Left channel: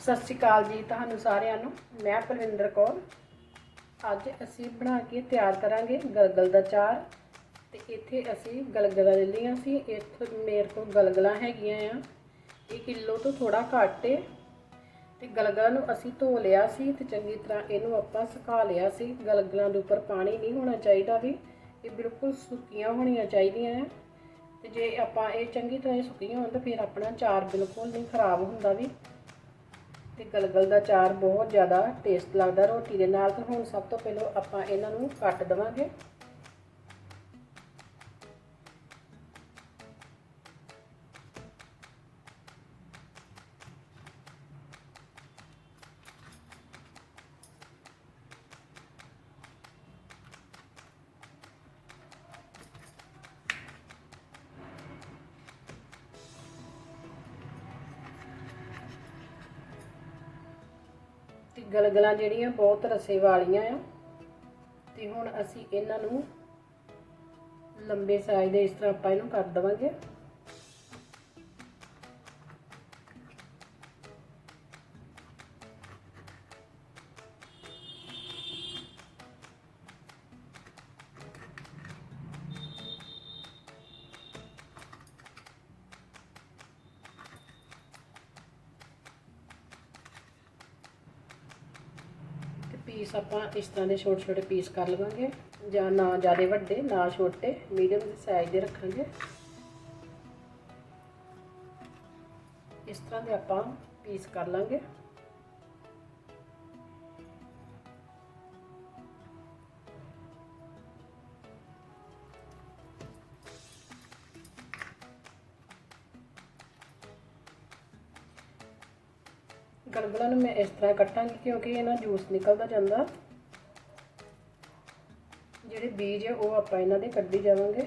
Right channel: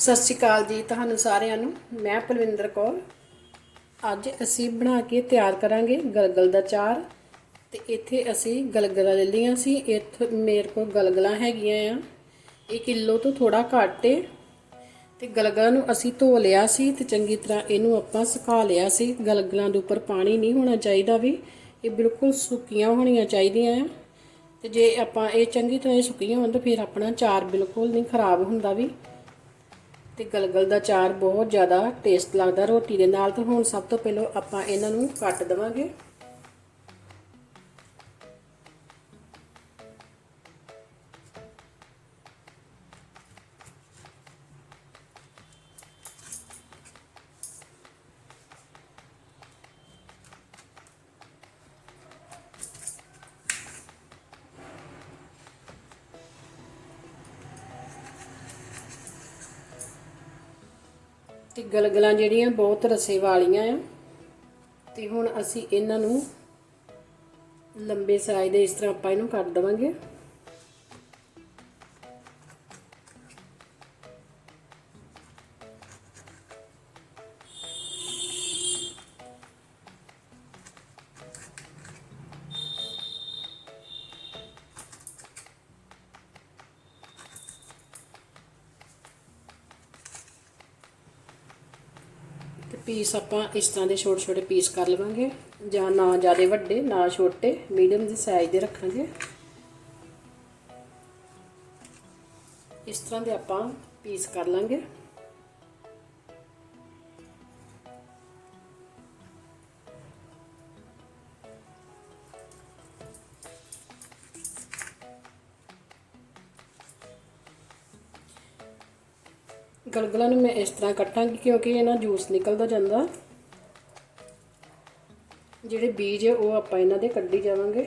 ਸਤਿ ਸ਼੍ਰੀ ਅਕਾਲ ਜੀ ਤੁਹਾਨੂੰ ਸਾਰਿਆਂ ਨੂੰ। ਮੈਂ ਪਲਵਿੰਦਰ ਕੌਰ। ਅੱਜ ਅਸੀਂ ਬਣਾ ਕੇ ਤਿਆਰ ਕਰਾਂਗੇ ਗਲਗਲ ਦਾ ਚਾਰ। ਤੇ ਇੱਥੇ ਅਸੀਂ ਗਲਗਲਾਂ ਲੈ ਲਈਆਂ ਸੀ। ਇੱਥੇ ਮੇਰੇ ਕੋਲ ਗਲਗਲਾਂ ਹੈਗੀਆਂ ਆ। ਇਹ ਕਿਲੋ ਤੋਂ ਥੋੜਾ ਘੱਟ ਏ। ਤੇ ਗਲਗਲਾਂ ਨੂੰ ਅਸੀਂ ਧੋ ਲਿਆ ਸੀ ਤੇ ਚੰਗੀ ਤਰ੍ਹਾਂ ਇਹਨੂੰ ਆਪਾਂ ਸੁਕਾ ਲਿਆ ਸੀ। ਗਲਗਲਾਂ ਦੇ ਉੱਪਰ ਪਾਣੀ ਨਹੀਂ ਹੋਣਾ ਚਾਹੀਦਾ ਵੀ। ਇਹ ਬਿਲਕੁਲ ਸੁੱਕੀਆਂ ਹੋਣੀਆਂ ਚਾਹੀਦੀਆਂ ਆ। ਤੇ ਜੇ ਆਪਾਂ ਇਹ ਚੰਗੀ ਤਰ੍ਹਾਂ ਸੁੱਕੀਆਂ ਹੋਣ ਤਾਂ ਫਿਰ ਆਪਣਾ ਚਾਰ ਬਿਲਕੁਲ ਨਹੀਂ ਖਰਾਬ ਹੁੰਦਾ ਵੀ। ਤੇ ਕਲਗਲ ਦਾ ਚਾਰ ਬਹੁਤ ਜ਼ਿਆਦਾ ਟੇਸਟ ਲੱਗਦਾ ਰੋਟੀ ਦੇ ਨਾਲ। ਤਾਂ ਹੁਣ ਸਭ ਤੋਂ ਪਹਿਲਾਂ ਆਪਾਂ ਇਹਨਾਂ ਨੂੰ ਕੱਟ ਦਵਾਂਗੇ। ਤੇ ਗਲਗਲਾਂ ਜਿਹੜੀਆਂ ਬਹੁਤ ਰਸੇ ਵਾਲੀਆਂ ਆ। ਤੇ ਹੁਣ ਅਸੀਂ ਇਹਨਾਂ ਨੂੰ ਲੰਬੇ ਸਾਈਜ਼ ਦੇ ਇਸ ਤਰ੍ਹਾਂ ਆਪਾਂ ਇਹਨੂੰ ਕੱਟ ਦਵਾਂਗੇ। ਪੀਸ ਆਪਾਂ ਇਸ ਤਰ੍ਹਾਂ ਦੇ ਛੋਟੇ ਛੋਟੇ ਪੀਸ ਕਰ ਲਵਾਂਗੇ। ਜਾਂ ਨਾ ਜ਼ਿਆਦਾ ਵੱਡੇ, ਨਾ ਛੋਟੇ ਮੀਡੀਅਮ ਦੇ ਸਾਈਜ਼ ਦੇ ਰੱਖਾਂਗੇ। ਇਸ ਤਰ੍ਹਾਂ ਦੇ ਆਪਾਂ ਪੀਸ ਕਰ ਲਾਂਗੇ। ਗਲਗਲਾਂ ਨੂੰ ਮੈਂ ਇਸ ਤਰ੍ਹਾਂ ਕੱਟਾਂਗੀ ਕਿਉਂਕਿ ਇਹਨਾਂ ਜੂਸ ਨਿਕਲਦਾ ਜਾਂਦਾ। ਜਿਹੜੇ ਬੀਜ ਹੈ ਉਹ ਆਪਾਂ ਇਹਨਾਂ ਦੇ ਕੱਢੀ ਜਾਵਾਂਗੇ।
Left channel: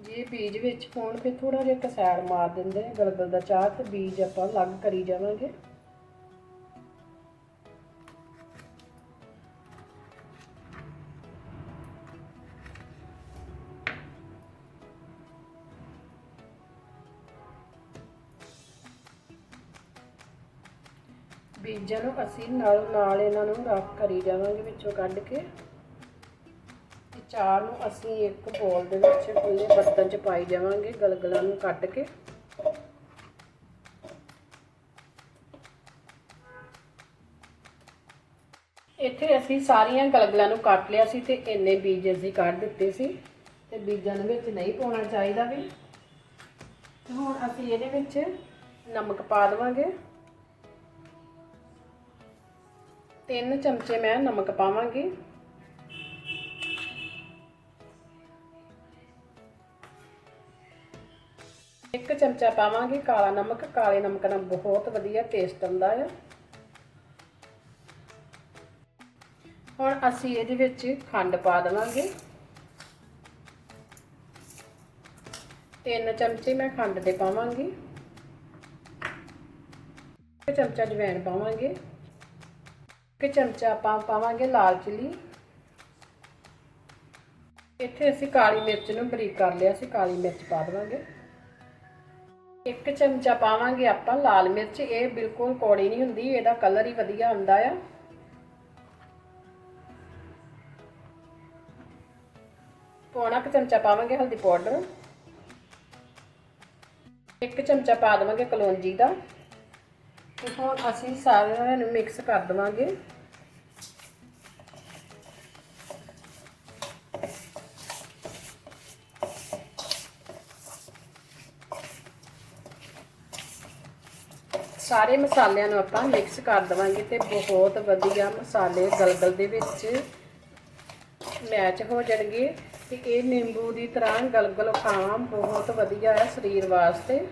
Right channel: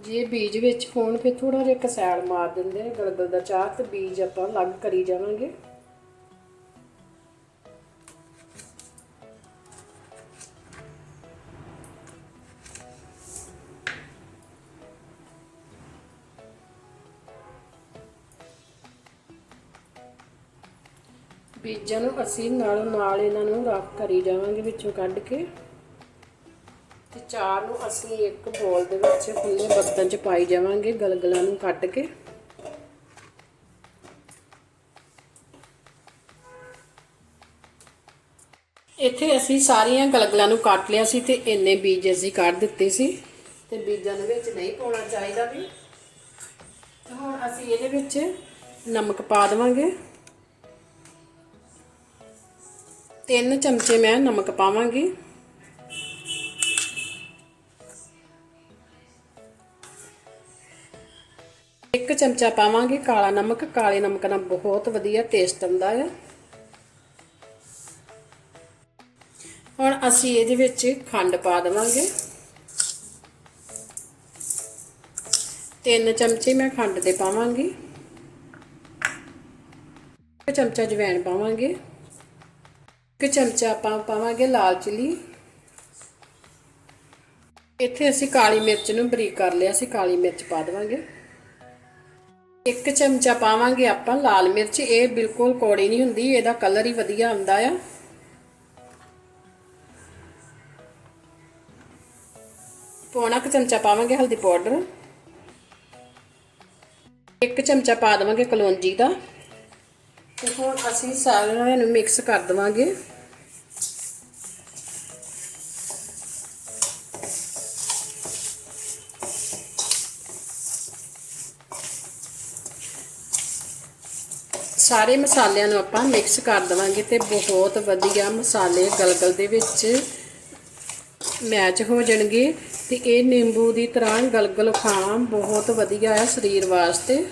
ਜੇ ਬੀਜ ਵਿੱਚ ਹੋਣ, ਫਿਰ ਥੋੜਾ ਜਿਹਾ ਕਸੈਲ ਮਾਰ ਦਿੰਦੇ ਆ। ਗਲਗਲ ਦਾ ਚਾਹ ਤੇ ਬੀਜ ਆਪਾਂ ਅਲੱਗ ਕਰੀ ਜਾਵਾਂਗੇ। ਬੀਜਾਂ ਨੂੰ ਅਸੀਂ ਨਾਲ ਨਾਲ ਇਹਨਾਂ ਨੂੰ ਰੱਖ ਕਰੀ ਜਾਵਾਂਗੇ ਵਿੱਚੋਂ ਕੱਢ ਕੇ। ਤੇ ਚਾਰ ਨੂੰ ਅਸੀਂ ਇੱਕ ਬੋਲ ਦੇ ਵਿੱਚ ਖੁੱਲੇ ਬਰਤਨ 'ਚ ਪਾਈ ਜਾਵਾਂਗੇ, ਗਲਗਲਾਂ ਨੂੰ ਕੱਢ ਕੇ। ਇੱਥੇ ਅਸੀਂ ਸਾਰੀਆਂ ਗਲਗਲਾਂ ਨੂੰ ਕੱਟ ਲਿਆ ਸੀ ਤੇ ਇੰਨੇ ਬੀਜ ਅਸੀਂ ਕੱਢ ਦਿੱਤੇ ਸੀ। ਤੇ ਬੀਜਾਂ ਦੇ ਵਿੱਚ ਨਹੀਂ ਪਾਉਣਾ ਚਾਹੀਦਾ ਵੀ। ਹੁਣ ਅਸੀਂ ਇਹਦੇ ਵਿੱਚ ਨਮਕ ਪਾ ਦੇਵਾਂਗੇ। ਤਿੰਨ ਚਮਚੇ ਮੈਂ ਨਮਕ ਪਾਵਾਂਗੀ। ਇੱਕ ਚਮਚਾ ਪਾਵਾਂਗੇ ਕਾਲਾ ਨਮਕ। ਕਾਲੇ ਨਮਕ ਨਾਲ ਬਹੁਤ ਵਧੀਆ ਟੇਸਟ ਆਉਂਦਾ ਹੈ। ਹੁਣ ਅਸੀਂ ਇਹਦੇ ਵਿੱਚ ਖੰਡ ਪਾ ਦੇਵਾਂਗੇ। ਤਿੰਨ ਚਮਚੇ ਮੈਂ ਖੰਡ ਦੇ ਪਾਵਾਂਗੀ। ਇੱਕ ਚਮਚਾ ਜਵੈਣ ਪਾਵਾਂਗੇ। ਇੱਕ ਚਮਚਾ ਆਪਾਂ ਪਾਵਾਂਗੇ ਲਾਲ ਚਿਲੀ। ਇੱਥੇ ਅਸੀਂ ਕਾਲੀ ਮਿਰਚ ਨੂੰ ਬਰੀਕ ਕਰ ਲਿਆ ਸੀ ਕਾਲੀ ਮਿਰਚ ਪਾ ਦੇਵਾਂਗੇ। ਇੱਕ ਚਮਚਾ ਪਾਵਾਂਗੇ ਆਪਾਂ ਲਾਲ ਮਿਰਚ, ਇਹ ਬਿਲਕੁਲ ਕੌੜੀ ਨਹੀਂ ਹੁੰਦੀ, ਇਹਦਾ ਕਲਰ ਹੀ ਵਧੀਆ ਆਉਂਦਾ ਆ। ਪੌਣਾ ਕੁ ਚਮਚਾ ਪਾਵਾਂਗੇ ਹਲਦੀ ਪਾਊਡਰ। ਇੱਕ ਚਮਚਾ ਪਾ ਦੇਵਾਂਗੇ ਕਲੌਂਜੀ ਦਾ। ਤੇ ਹੁਣ ਅਸੀਂ ਸਾਰਿਆਂ ਨੂੰ ਮਿਕਸ ਕਰ ਦਵਾਂਗੇ। ਸਾਰੇ ਮਸਾਲਿਆਂ ਨੂੰ ਆਪਾਂ ਮਿਕਸ ਕਰ ਦਵਾਂਗੇ ਤੇ ਬਹੁਤ ਵਧੀਆ ਮਸਾਲੇ ਗਲਗਲ ਦੇ ਵਿੱਚ ਮੈਚ ਹੋ ਜਾਣਗੇ ਤੇ ਇਹ ਨਿੰਬੂ ਦੀ ਤਰ੍ਹਾਂ ਗਲਗਲ ਖਾਣਾ ਬਹੁਤ ਵਧੀਆ ਹੈ ਸਰੀਰ ਵਾਸਤੇ।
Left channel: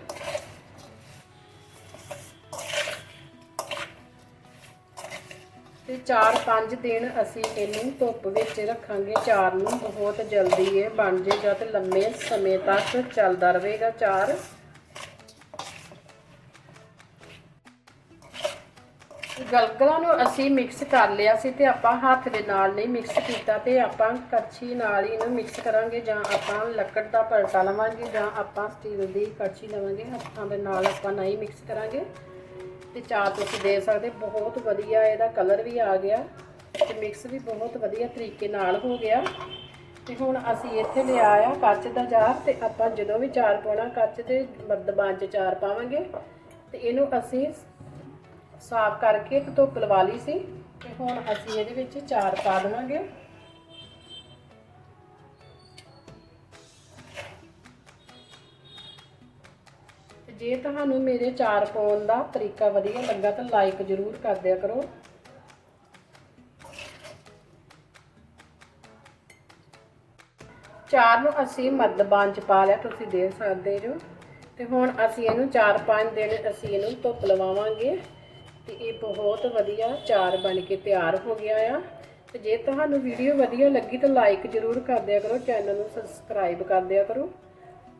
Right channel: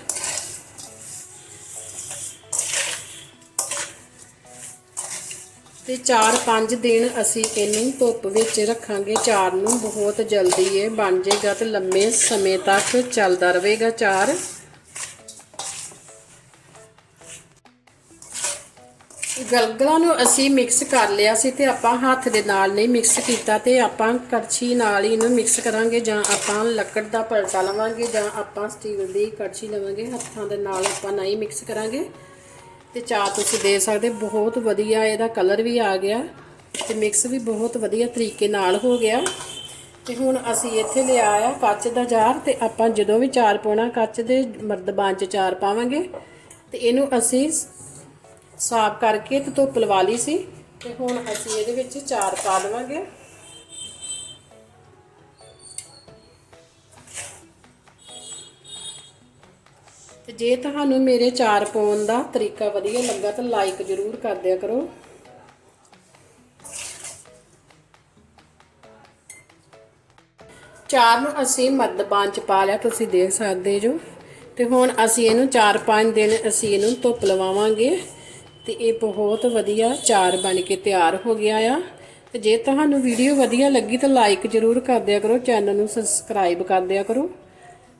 ਤੇ 4-5 ਦਿਨ ਅਸੀਂ ਇਹਨੂੰ ਧੁੱਪ ਵਿੱਚ ਰੱਖਾਂਗੇ। ਚਾਰ ਨੂੰ ਬਹੁਤ ਜਲਦੀ ਇਹ ਬਣ ਜਾਏਗਾ ਤੇ ਲੰਮੇ ਸਮੇਂ ਤੱਕ ਚੱਲਦਾ ਰਹੇਗਾ ਚਾਰ। ਗਲਗਲਾਂ ਨੂੰ ਅਸੀਂ ਮਿਕਸ ਕਰ ਲਿਆ ਸੀ ਤੇ ਆਪਾਂ ਹੱਥ ਦੇ ਨਾਲ ਨਹੀਂ ਮਿਕਸ ਕੀਤਾ ਤੇ ਆਪਾਂ ਕੜਛੀ ਨਾਲ ਹੀ ਇਹਨੂੰ ਮਿਕਸ ਕਰਾਂਗੇ ਜਾਂ ਆਪਾਂ ਲੱਕੜ ਦਾ ਪਲਟਾ ਲਵਾਂਗੇ ਜਾਂ ਆਪਾਂ ਸਟੀਲ ਦੀ ਕੜਛੀ ਲਵਾਂਗੇ। ਹੱਥਾਂ ਦੇ ਨਾਲ ਆਪਾਂ ਨਹੀਂ ਮਿਕਸ ਕਰਾਂਗੇ। ਤੇ ਚਾਹ ਤੁਸੀਂ ਦੇ ਸਕਦੇ, ਬਹੁਤ ਵਧੀਆ ਇਹਦਾ ਕਲਰ ਵੀ ਆ ਗਿਆ ਤੇ ਮਿਕਸ ਵੀ ਬਹੁਤ ਵਧੀਆ ਤਰੀਕੇ ਨਾਲ ਹੋ ਗਿਆ। ਤੇ ਹੁਣ ਅਸੀਂ ਇੱਥੇ ਲਿਆ ਆ ਕੱਚ ਦਾ ਜਾਰ ਤੇ ਆਪਾਂ ਜਦੋਂ ਵੀ ਚਾਰ ਪਾਉਣਾ ਕੱਚ ਦੇ ਮਰਦਬਾਨ ਚ ਚਾਰ ਪਾਵਾਂਗੇ। ਤੇ ਇਹਨੂੰ ਅਸੀਂ ਸਾਫ਼ ਕਰਕੇ ਤੇ ਧੁੱਪ ਲਵਾ ਲਈ ਸੀ ਤੇ ਹੁਣ ਅਸੀਂ ਇਹਦੇ ਵਿੱਚ ਚਾਰ ਪਾ ਦੇਵਾਂਗੇ। ਤੇ ਜੇ ਤੁਹਾਨੂੰ ਮੇਰੇ ਚਾਰ ਪਾਉਣ ਦਾ ਤਰੀਕਾ ਵਧੀਆ ਲੱਗਾ ਤਾਂ ਲਾਈਕ ਜ਼ਰੂਰ ਕਰ ਦਿਆ ਕਰੋ। ਚਾਰ ਨੂੰ ਅਸੀਂ ਮਰਦਬਾਨ ਚ ਪਾ ਲਿਆ, ਤੁਸੀਂ ਦੇਖ ਸਕਦੇ ਜੋ। ਤੇ ਹੁਣ ਅਸੀਂ ਇਹਨੂੰ 4-5 ਦਿਨ ਅਸੀਂ ਇਹਨੂੰ ਧੁੱਪ ਲਵਾਵਾਂਗੇ ਤੇ ਇਹ ਬਹੁਤ ਵਧੀਆ ਚਾਰ ਬਣ ਕੇ ਤਿਆਰ ਹੋ ਗਿਆ ਆ। ਤੇ ਜੇ ਤੁਹਾਨੂੰ ਵੀਡੀਓ ਵਧੀਆ ਲੱਗੀ ਤਾਂ ਲਾਈਕ ਜ਼ਰੂਰ ਕਰ ਦਿਆ ਕਰੋ ਚੈਨਲ ਨੂੰ ਸਬਸਕ੍ਰਾਈਬ ਕਰ ਦਿਆ ਕਰੋ।